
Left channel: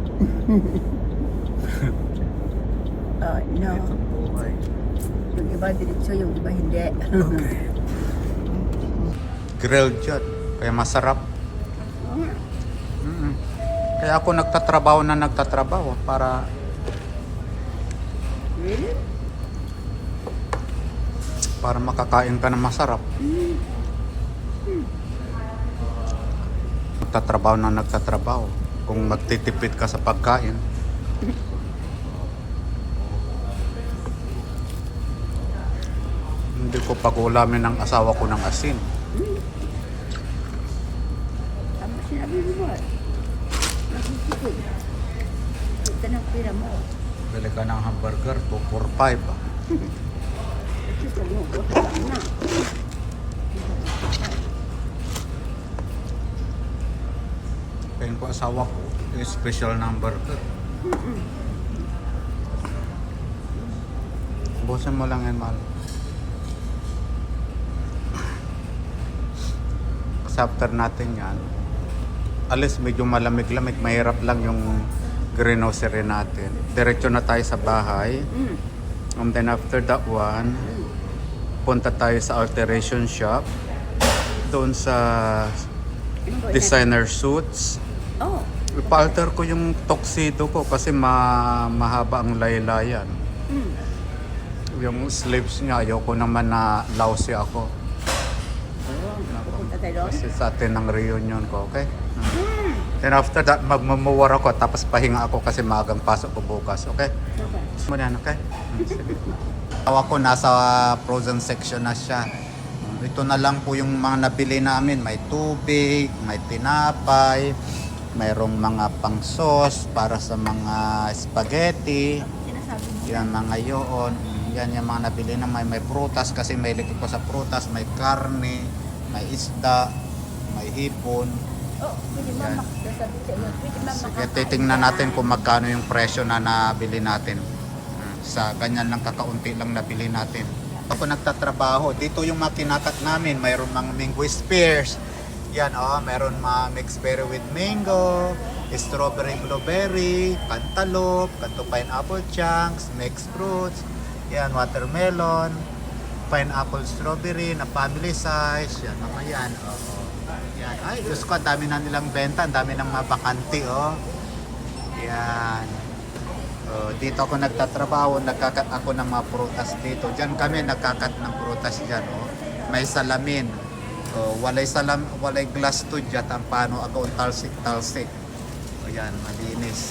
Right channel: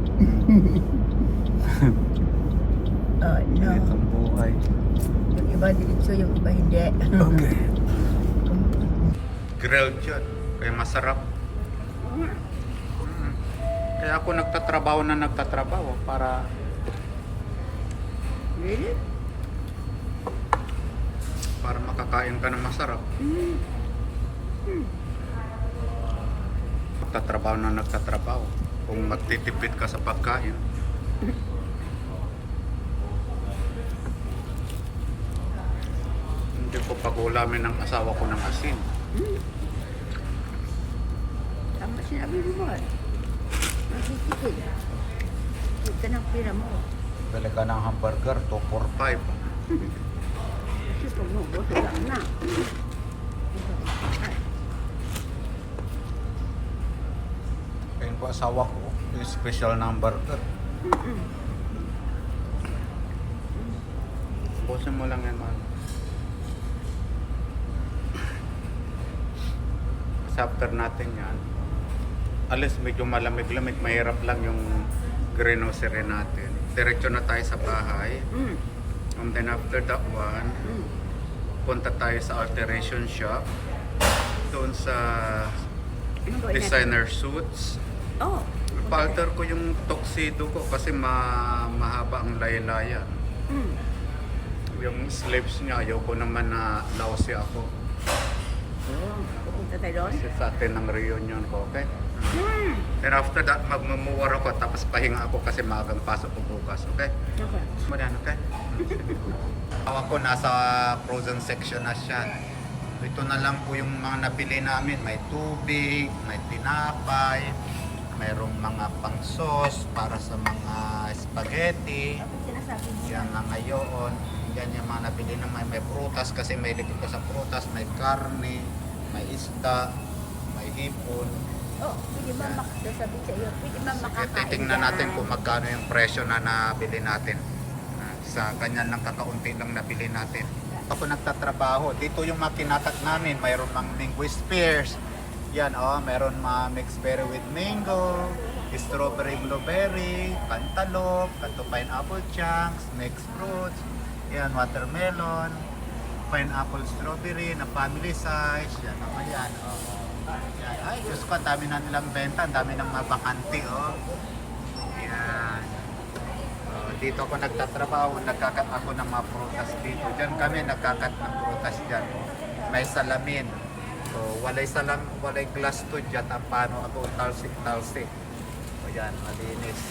Oh no. Itong buhay. Yung iba diretso, yung iba hindi. Okay. Grilled yan, kaya masarap. Kaya ako nagtatrabaho para Really? para makakain ka ng masarap. Nagtatrabaho. Kung magtitipid ka sa pagkain. Hindi ko pag-ulamin ng asawa ko ng asin. Tama sinabi mo ba? Nagsisipid. Huwag ka ng pira mo. Bili ka ng hamburger, 245. Kasi pag mo, boso lang na. Kaya ko asawa ko, yung special na hamburger. Busan mo lang yan, man. Kasi after natin yan, alis medyo malamig-lamig, mahirap lang yung grocery natin. Diretso na tayo sa bahay. And then after that one, punta tayo sa alteration shop. Doon sa designer suits. Oh. Ipa-alter ko yung tuxedo ko kasi mahaba ang laylayan. Yung sleeves niya, ayoko naman na lousy ako. Oh, pupunta tayo doon? Kasi sa atin ang reunion ko, okay? Then after that, magmumuwar ako tapos pahinga ako kasi maagang pasok ko bukas, okay? Okay. Muna yan, okay? Tawa ko, nasa frozen section na siya. Ito na lang po yung mga nabili namin. May tubig, may tinapay, mayroong mga pang sauce para sa mga spaghetti. Sinasabi mo. Yan mga yoon. Yan yung mga nabili na may prutas kasi may likod pa sa prutas. May karne, may isda, may hipon. Oh, pwede ba Yan. sasabihin sa iyo? Pwede ba Sige, makakain titingnan yan? natin kung magkano yung presyo na nabili natin. Sa ganyan lang kakaunti lang nabili natin. Ako nagtatrabaho. Dito yung mga kinakat namin. Mayroon mga mango spears. Yan mayroon mga mixed berry with mango, strawberry blueberry, cantaloupe, kanto pineapple chunks, mixed fruits. Yan, watermelon, pineapple strawberry na family size. Yan, mga yan. Yan. Ay, Diyos ko, ang dami na nilang benta. Ang dami ng mga bakanti, Yan. Dito ako nagtatrabaho, nagkakat ako ng mga prutas dito. Diyan kami nagkakat ng prutas dyan, May salamin. So, walay glass to dyan, ang pano ato talsik. O yan, malinis.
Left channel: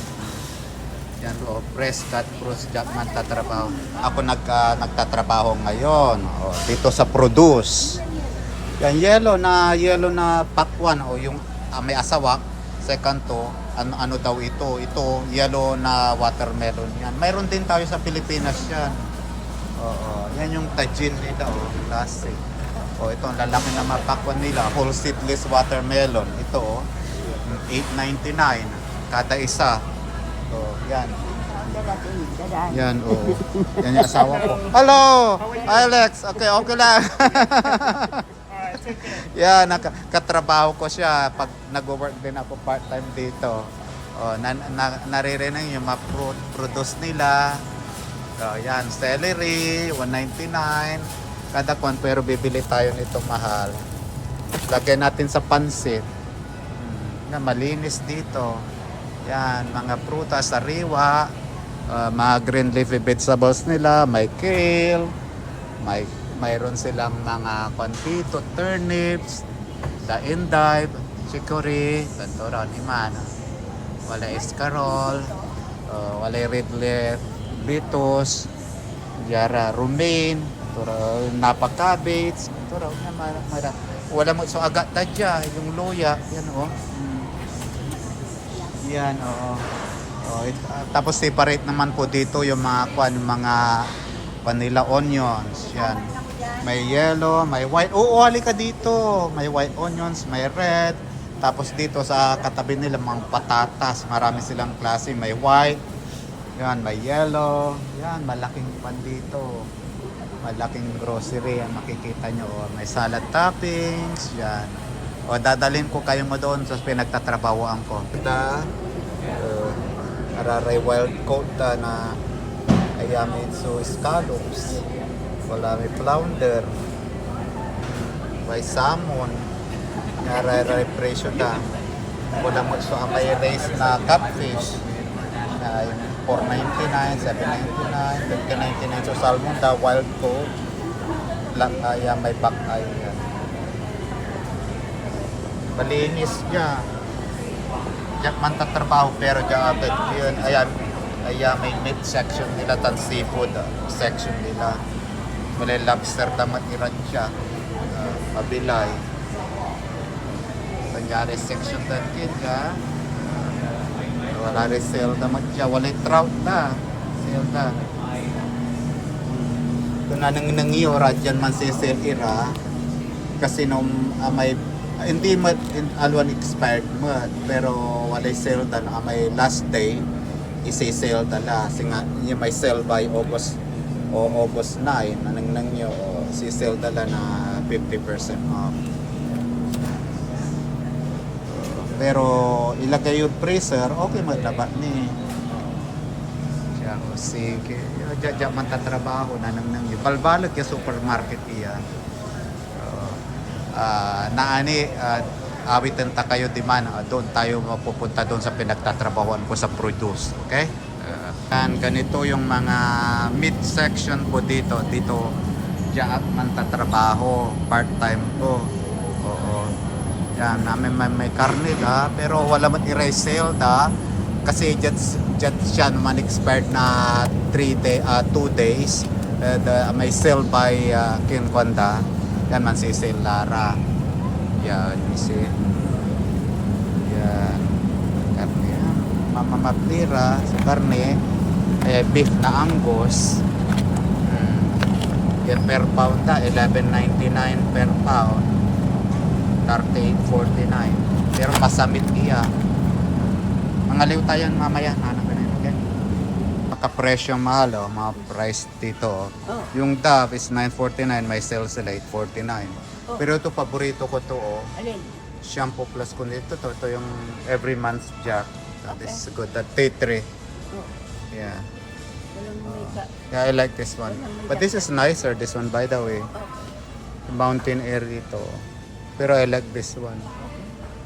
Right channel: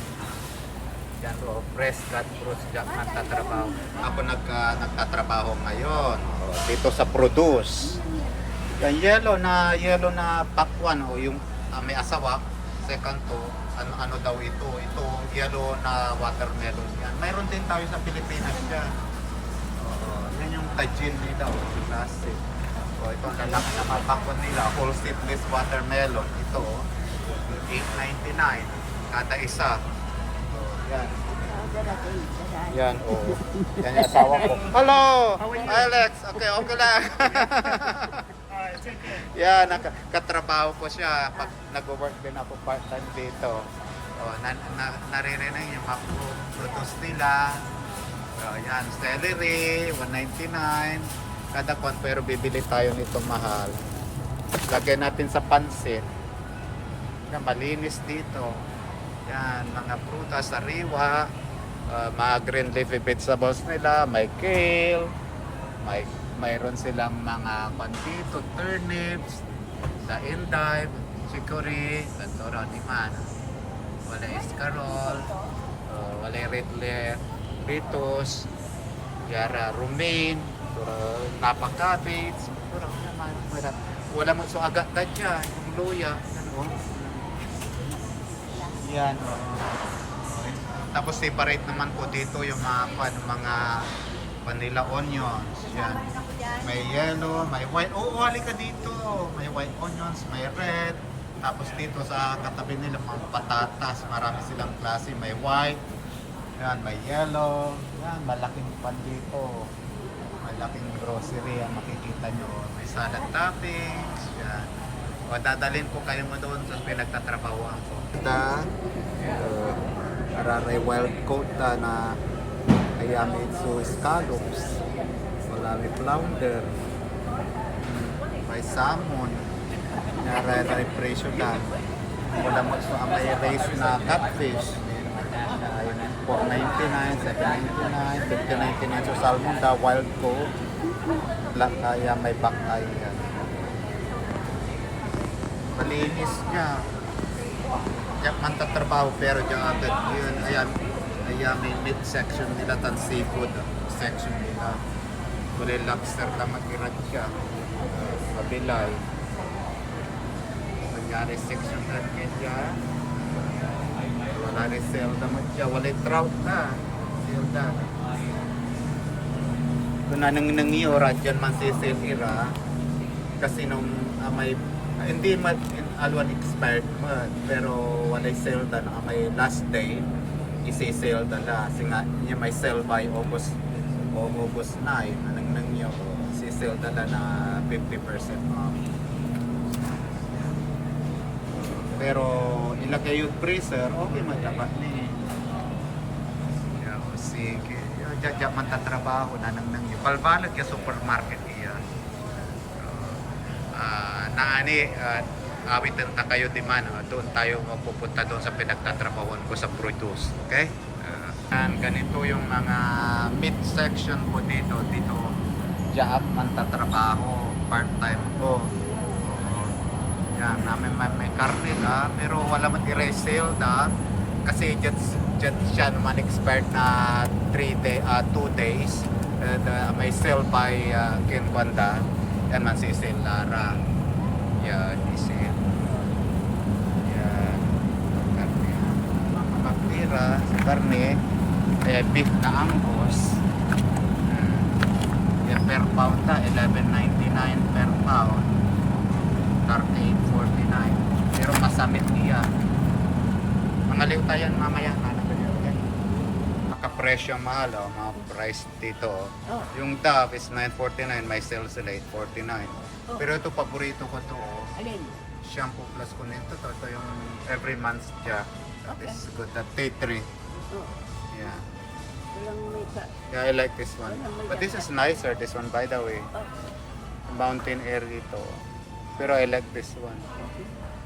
Yan o, press cut, brush dyan man tatrabaho. Ako nagtatrabaho ngayon, o, dito sa produce. Yan, yellow na pakwan, o yung may asawak. Second to, ano daw ito? Ito, yellow na watermelon. Yan. Mayroon din tayo sa Pilipinas siya. Oo, yan yung tajin nila, o, classic. O, ito ang lalaki na mapakwan nila, whole seedless watermelon. Ito, $8.99 kada isa. O, yan. Yan, o. Yan yung asawa ko. Hello! Alex! Okay lang. Yan, katrabaho ko siya pag nag-work din ako part-time dito. O, naririnig yung produce nila. So, yan, celery, $1.99. Kada kwan, pero bibili tayo nito mahal. Lagyan natin sa pansit. Na malinis dito. Yan, mga prutas, sariwa, mga green leafy vegetables nila, may kale, mayroon silang mga kwan dito, turnips, the endive, chicory, tantura, liman. Wala escarol, wala red leaf, bitos, yara, romaine, napag-cabbage, wala mo so agad na dyan, yung luya, yan o. Yan o. Tapos separate naman po dito yung mga vanilla onions, yan. May yellow, may white. Oo, halika dito. May white onions, may red. Tapos dito sa katabi nila mga patatas, marami silang klase, may white. Yan, may yellow. Yan, malaking pan dito. Malaking grocery ang makikita nyo. May salad toppings. Yan. O dadalhin ko kayo mo doon sa pinagtatrabahoan ko. Araray wild coat na ayamid so scallops. Wala may flounder. May salmon. Araray presyo ta. Wala mo so may race na catfish. $4.99, $7.99, $15.99. So salmon da wild caught. Black eye, may back eye yan. Malinis niya. Diyan man tatrabaho pero diyan agad yun. Ayan may meat section nila tan seafood section nila. Wala lobster na matiran siya. Mabilay. Kunyari section dan kaya. Wala rin sale naman siya. Wala trout na. Sale na. Kung nangyora dyan man si sale ira. Kasi nung may hindi man alwan expired man. Pero wala sale na may last day. Isi-sale na. Kasi nga may sale by August 9. Nangyyo. Si-sale na 50% off. Pero ilagay yung freezer, okay maglaba ni. Kaya o sige, dyan man tatrabaho na nang yung balbalag yung supermarket iya. So, awitan ta kayo di man, doon tayo pupunta doon sa pinagtatrabahoan ko sa produce, okay? Ganito yung mga meat section po dito dyan man tatrabaho, part-time ko. Yan, namin may karne da, pero wala man i-resale da kasi dyan siya naman expired na 2 days. May sale by Kinkwanda. Yan man si sale Lara. Yan, isi. Yan. Karne. Mamamapira sa karne. Beef na Angus. Yan per pound da, $11.99 per pound. 38.49 pero masamit niya. Mangaliw tayo mamaya okay? Makapresyo mahal mga price dito Yung Dove is $9.49, may sale sila $8.49 pero ito paborito ko to shampoo plus ko nito ito yung every month jack. That is good, that T3 yeah. I like this one but this is nicer, this one by the way. Mountain air ito. Pero I like this one.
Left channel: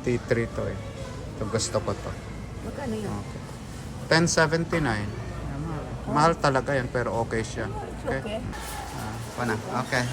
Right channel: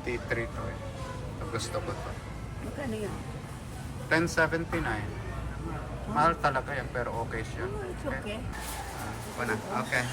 T3 to eh. So gusto ko to. $10.79. Mahal talaga yan pero okay siya. Okay? Okay.